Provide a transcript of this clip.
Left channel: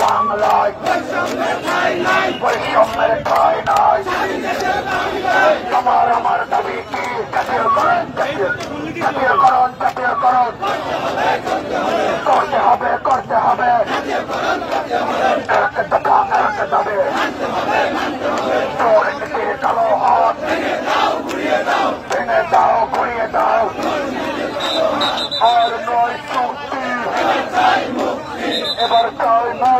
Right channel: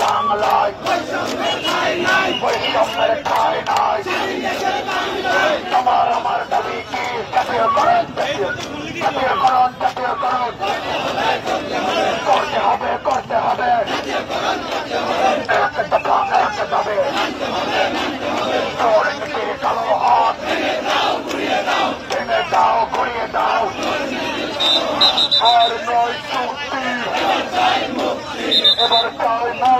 বাংলায় বৈষম্যের ঠাঁই নাই। তোমার আমার দাবি কি জাতীয়করণ? জাতীয়করণ জাতীয়করণ করতে হবে করতে হবে। এক দফা এক দাবি দুর্নীতি কালো হাত ভেঙে দাও ঘুরিয়ে দাও। আর নয় চুক্তি, এবার চাই মুক্তি।